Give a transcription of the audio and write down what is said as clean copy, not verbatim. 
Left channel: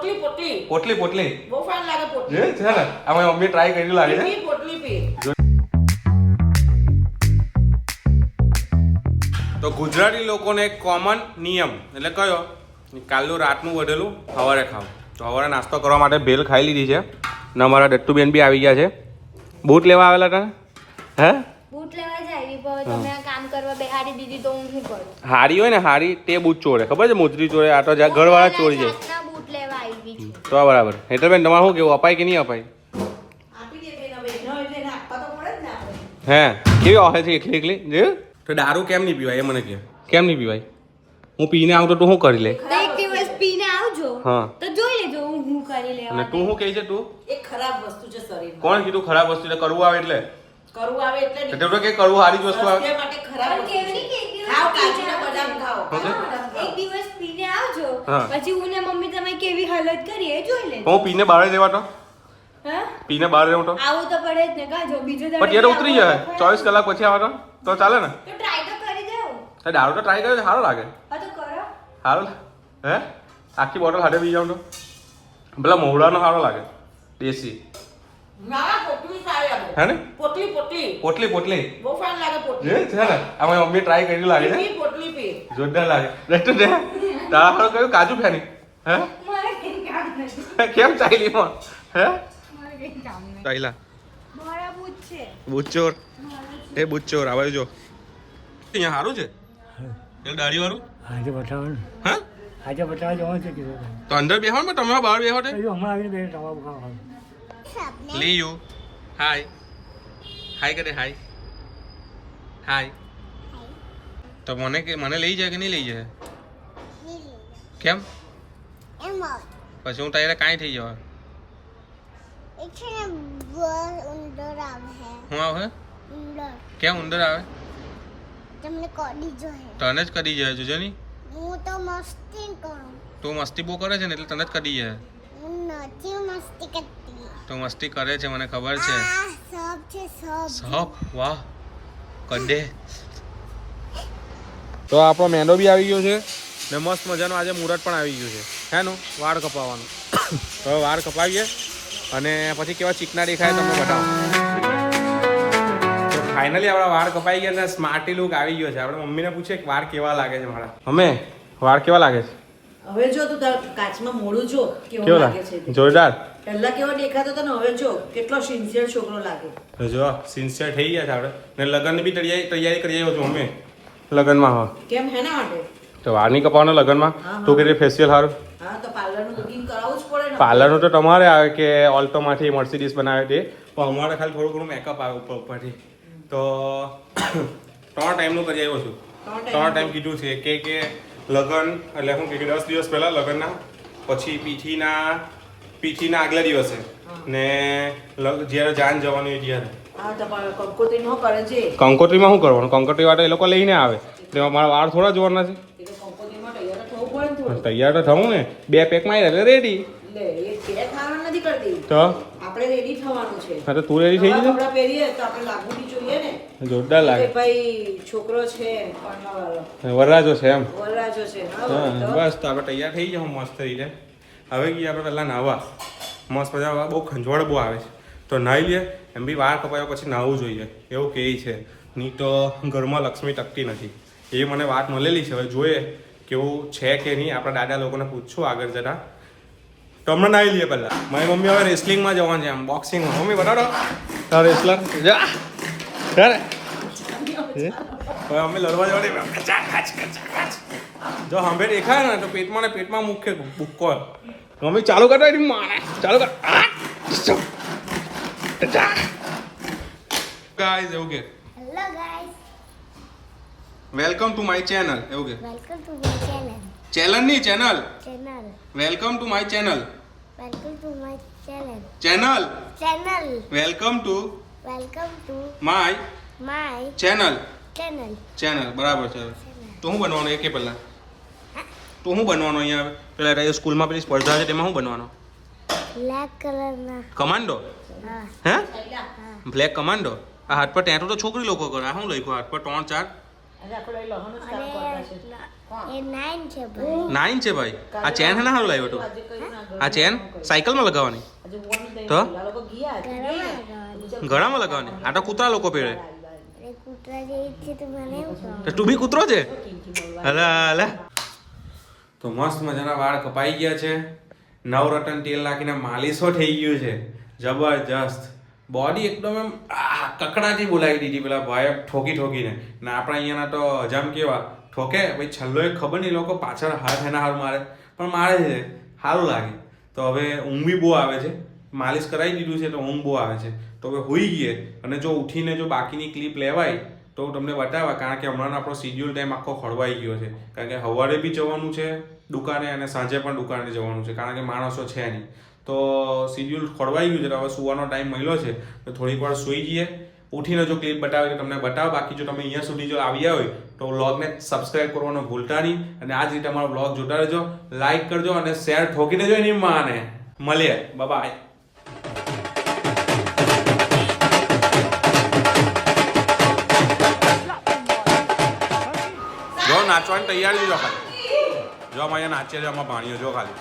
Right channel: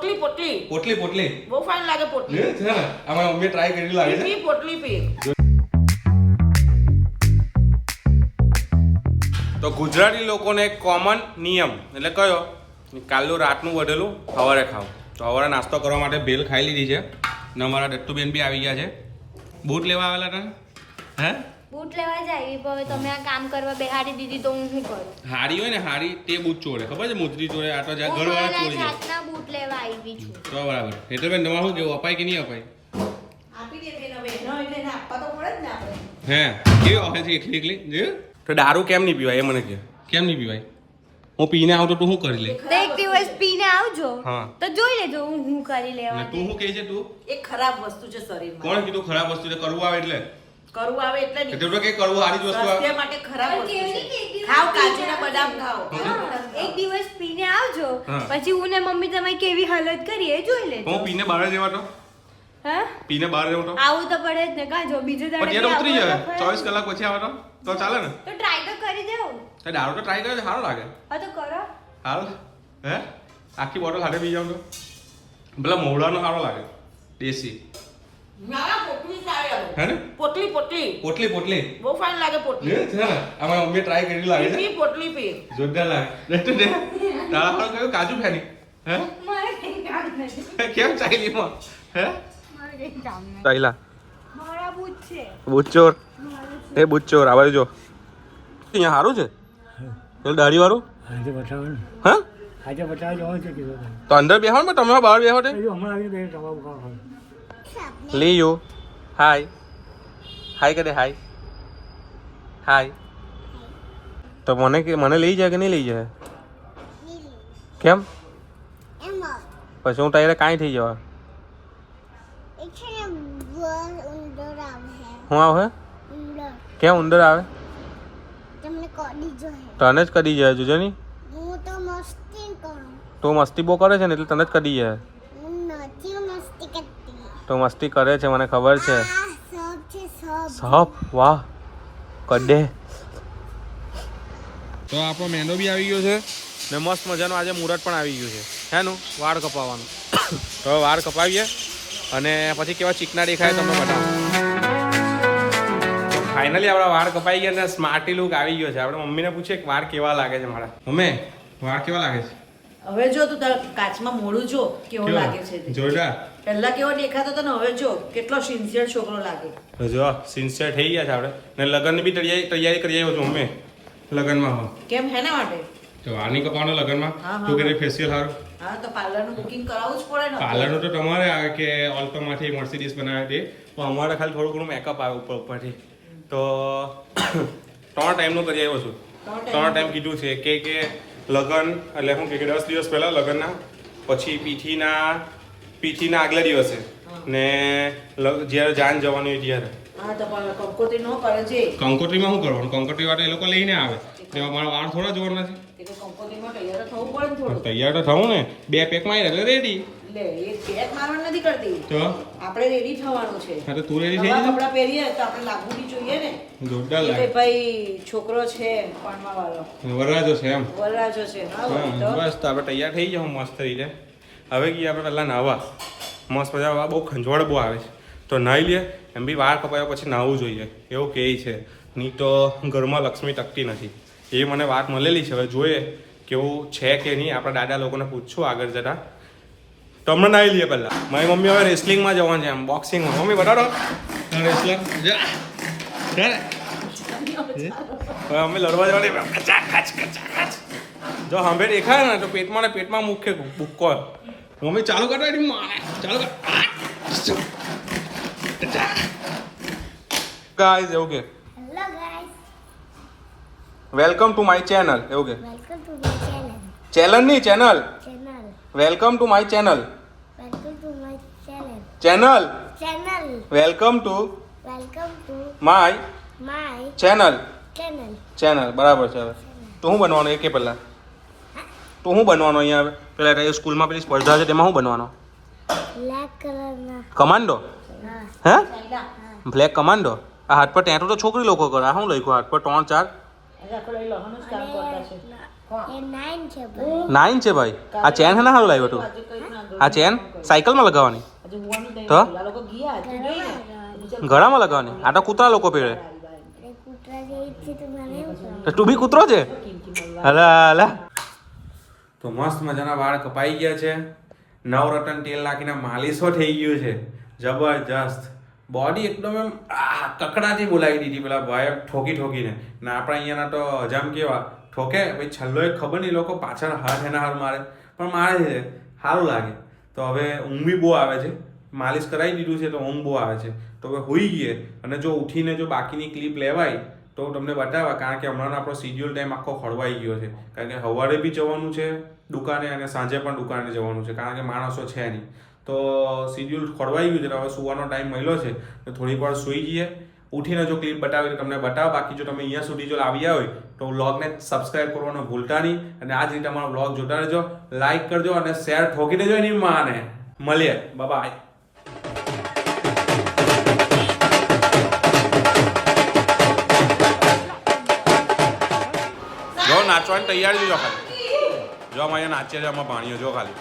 પોટલી પોટલી પોટલી પોટલી બહુ ફાઇન લાગે પોટલી છે ને અમારી મમ્મી ટ્રાય કરી લાગે છે પી પોટલી પી તો ગુજરાતી લોકોને એક કોમન નિયમ એટલે કયો કાલનું રાતનું વધેલું સવારે ખાવ તો સવારે નાસ્તો કરવા માટે ભેલ ખાઈ લીધી છે ને અમારા દત્તુબેન બી આવી ગયા છે બૂટ લેવા આવેલા હતા હે બૂટ લેવા જાય પણ તમે આ કામ કરવા બેહાડી દીધી તો હું શું કરું? હારી હોય ને હારી તે બૂટ ચોરે ખબર છે મોજરી ચોરે આ તો ઘરવાળા ચોરી છે જાતના બૂટ લેવા આવી છું. તો બરાબર એટલે બેન તમારે શું કેવું અપાય કે નહીં અપાય આપી દે બેન હવે ન એટલે એને આપવા તો પડે જ ને આપણે હે કેવી ઓહે છે એકલી એકલી જે તો દારૂ કેમ નહીં પીવાય એ મને કહે કેમ નહીં પીવાય હું પીને આવું તો તું શું કરી લે તો એક દિવસ પીને આવજો હા. તો જોઈ લેજો હું કરી લેવા અને તું શું કહે છે તું એ ખરાબ વસ્તુ છે શરીરમાં કોણ કીધું ખરાબ વસ્તુ એટલે કરવું આવે એટલે કરવું આવે એટલે એટલે તો કે કરવું સારી જ વસ્તુ આવે સ્વાસ્થ્ય માટે ખરાબ વસ્તુ કેવી છે કેવી ખાઓ કાજુ ને બદામ ખાઓ એક દિવસ પીને આવજો હા. પછી હું ને મમ્મી તમે કેવી હાલત કરી એ જોઈ લેજો હું પીને બહાર જવા તો હા પીને બહાર રહેવું તો આવું તો પડે જ ને કાજો બીજો પણ ત્યારે ઉતરી જાય 24 કલાક પછી આવવાનો તો ચાલે ને તો ટ્રાય તો કરી દેવું તો દારૂ તો ટ્રાય કરે સારો લાગે હા તો કરો સારું હે આખી બોટલ હાથે પી જાઉં તો પેલા મોવડાનો સારો લાગે દેશી મારા પોટલી સારી આવે હે ને પોટલી પોટલી પોટલી પોટલી બહુ ફાઇન લાગે છે પોટલી ને અમારી મમ્મી ટ્રાય કરી લાગે છે પી પોટલી પી જોરદાર લાગે રેસ્ટ દે તારા પર કયું કાજુ ફેની હે મારે કઈ કામ નથી કેમ ચાલી માં હે મારે કઈ કામ નથી ચાઈલા મારા બૂટ છે બુચ્ચોર એ બુચ્ચોર આ બાજુ જો અહીંયા સારું છે પેલું દાઢી વાળું આજે બતાવો ને હા આજે બતાવવા જવાનું છે કીધું તો અંદર બેહો ને તમે બહાર બેહો તે હજુ હમણાં આવીને બે ટવા ખાવા લીયુ હાય હાય કરે હાય હાય તો મને લઈ જાય કે નહીં લઈ જાય કેમ પછી હું તારે કાંઈ થઈ જવા હું આવે કેમ ઉંદર આવે તમને કોડી જો હે તને જ કદી જાય જોજે નહીં હું તો મસ્તી કરું તો મસ્તી બહુ કરે છે ને એટલે તને જ કદી જાય હું નથી મસ્તી કરતી તો મસ્તી કરે છે મને ખબર છે આ સબ છે સબ સપ વાહ કડે તો આપણો મેંદો બી આવી ગયો છે ને મસ્ત મજાનો આજે મુહૂર્ત પણ આવી ગયું છે હેનું વાળ કપાવવાનું તો હવે વાળ કપાવીએ અને પછી કેવા ચીકના દેખાય તમને બતાવો તો ફાઇનલી આપણા વાળ કપાઈ ગયા ને સ્માર્ટી લુક આવી ગયો છે આપણે મમ્મીને પૂછીએ કે વાળ કેવા લાગે છે મારા મમ્મી વાળ કેવા લાગે છે હવે જો તું તારા કાચમાં મોડું જો કેવો કેવા લાગે છે તે. જોરદાર પહેલા કેવો દેખાતો હતો ને હવે જો કેટલો સિન્સિયર છોકરો લાગે તો જો સિન્સિયર થઈ ગયા છે આપણે ને લગ્નની બી તૈયારી કરી આવ્યો છું મમ્મી લગ્નમાં હા કેમ હેના માટે તો વાળ નહીં કપાવવાનો લગ્નમાં હા, હા. તું કે ફેશિયલ સારું હા તો પાર્લરનું બુકિંગ કરાવવું જ પડે ને પાર્લરનું તો તમારે આવે કે ઓલ્ટોમાંથી મર્સિડીઝ બનાવે તે પણ અમારે ખાલી થોડું ઘણું મેકઅપ આવે ઉપરથી તો 3 ટાઈમનું કરી આવ્યો છું 3 ટાઈમ કીધું છે કે લગ્ન એટલે શું કે 10 દિવસ પહેલાં લગ્નના પછી પીઠીના આગલા દિવસે ને જ્યારે જાન જવાની હોય ત્યારે હા તો પણ કંકોત્રી નો કરે છે કંકોત્રીમાં શું કરવાનું કંકોત્રી વાળા એ લોકો લઈને આવે તેમાં મારા વાળ થોડા જોવાના છે એટલે કંકોત્રીમાં તૈયાર થવું પડે ને થોડું તૈયાર તો થવું ને 2 પેક માર્યા એટલે રેડી લે એ ચેક મારવાનું નથી કરતી તો આપણે રેડી થવાનું છે હા તો તું રેડી થઈ નવા જશે કપડાં પહેરીએ તો આપણે લાગવું બી જોઈએ ને જોરદાર કે લાગે ભાઈ છોકરો છે પરણવા વાળો વરરાજો છે એમ વરરાજો છે હા હા તો બસ તો આપણે તૈયાર થઈ જાવ મસ્ત રીતે હવે ગયા આપણે પહેલાં નાહવા મસ્ત મજા બહુ ખંજવાળ બહુ આવે છે તો નાહી લઈએ એમ બી વાર કપાયા પછી નાહવું જોઈએ એવું કહે છે નહીં તો ઘરમાં લક્ષ્મી ટકતી નથી એ મને વાત મળેલી છે હવે જોઈએ કેવું છે કે નહીં આપણા દાદા લોકોને પૂછશું આગળ જતાં તો હમણાં નાહી લઈએ પહેલાં મારી મમ્મી હવે રેસલિંગમાં જવાનું છે આમ બોક્સિંગમાં મમ્મી બતાડો રેસલર જા હવે અમે લડવા જવાની જો હંભે દેખાય ને તો પેટમાં મુખ્ય ભૂક્કો મમ્મી ચાલુ કરતો મારે ચાલુ કર ગાઈઝ એવું કે hello guys welcome to my channel એવું કે welcome to my channel channel નહીં channel channel welcome to my channel welcome to my channel channel channel welcome to my my channel channel channel બરાબર છે હવે તો શું બનવાનું એ કે પહેલા તો શું બનવાનું અહીંયા હવે પેલા સ્કૂલમાં પેલી સ્પર્ધા છે તેમાં શું બનવાનો બ્લેક કલરના કમાન્ડો હા હે બ્લેક કમાન્ડો આ હાથ પર ટેટુ તો છોકરી લોકો કરે આ શું લખ્યું હાથ પર 3 4 આજે આખો લઈ લહણનું જ કામ કરતા છે. એ 9 છે ભાઈ 9 છે ભાઈ. આ ચેન હે ને સારું લાવ્યો તું. આજે કઈ ના આ ચેન સાયકલમાં લગાવવાની, આજે હોવાનું તઈ તો? પેલા લોકો ગયા ઘરમાં ગળામાં લગાવવાની. આ તો કૂતરા લોકો પહેરે. એ કૂતરા જેવી છે તો મને એવું કહો તો તું બી કૂતરો છે? હલા હલા. તો મસ્ત મજાના વાળ કપાઈ ગયા છે. નવરત્ન તેલ નાખીને માલિશો થઈ ગયું છે જબરજસ્ત. બોડી એકદમ એમ કકડાટી બોલાવી દીધી પેલા ભાઈ ઠોકી ઠોકીને. ને આપણા અહીંયાના તો હજામ કેવા ઠોકે ભાઈ છલ્લો એક ખબર નહીં લોકો પાછળ હાથ એના હારું મારે, પણ મારે છે સારું લાગે. તો હવે ઊંઘ બી બહુ આવે છે. માલિશ કરાવી દીધું છે તો ઊંઘ બહુ આવે છે. તો હવે હોઈ ગઈએ અને જો ઉઠીને જો બાકીની ક્લિપ લેવાય તો તમને બતાવવા, કારણ કે હમણાં આપણો શિડ્યુલ ટાઈમ આખો ખોળવાઈ ગયો છે. કારણ કે સવારે બી જવાનું છે દુકાને અને સાંજે પણ દુકાને જવાનું છે, કારણ કે માણસો છે નહીં. તો શિડ્યુલ ખોળવાઈ ગયું છે. હવે સુવાનો ટાઈમ મળ્યો છે તો થોડીક વાર સૂઈ જઈએ. ઉઠીને જો ક્લિપ બતાવી તો તમને બતાવો. બાકી જો તમે અહીંયા સુધી જો આવ્યા હોય તો વ્લોગને સબસ્ક્રાઇબ કરવાનું ભૂલતા નહીં. અને આ જ રીતે અમારો વ્લોગ જોતા રહેજો, લાઈક કરજો અને શેર ઠોકી દેજો એની માને. મળીએ, બાય. જો નાચવાની તૈયારી જો ખાલી. જો અમારે નાચીએ છે, આમાં ભાણીઓ જો ખાલી.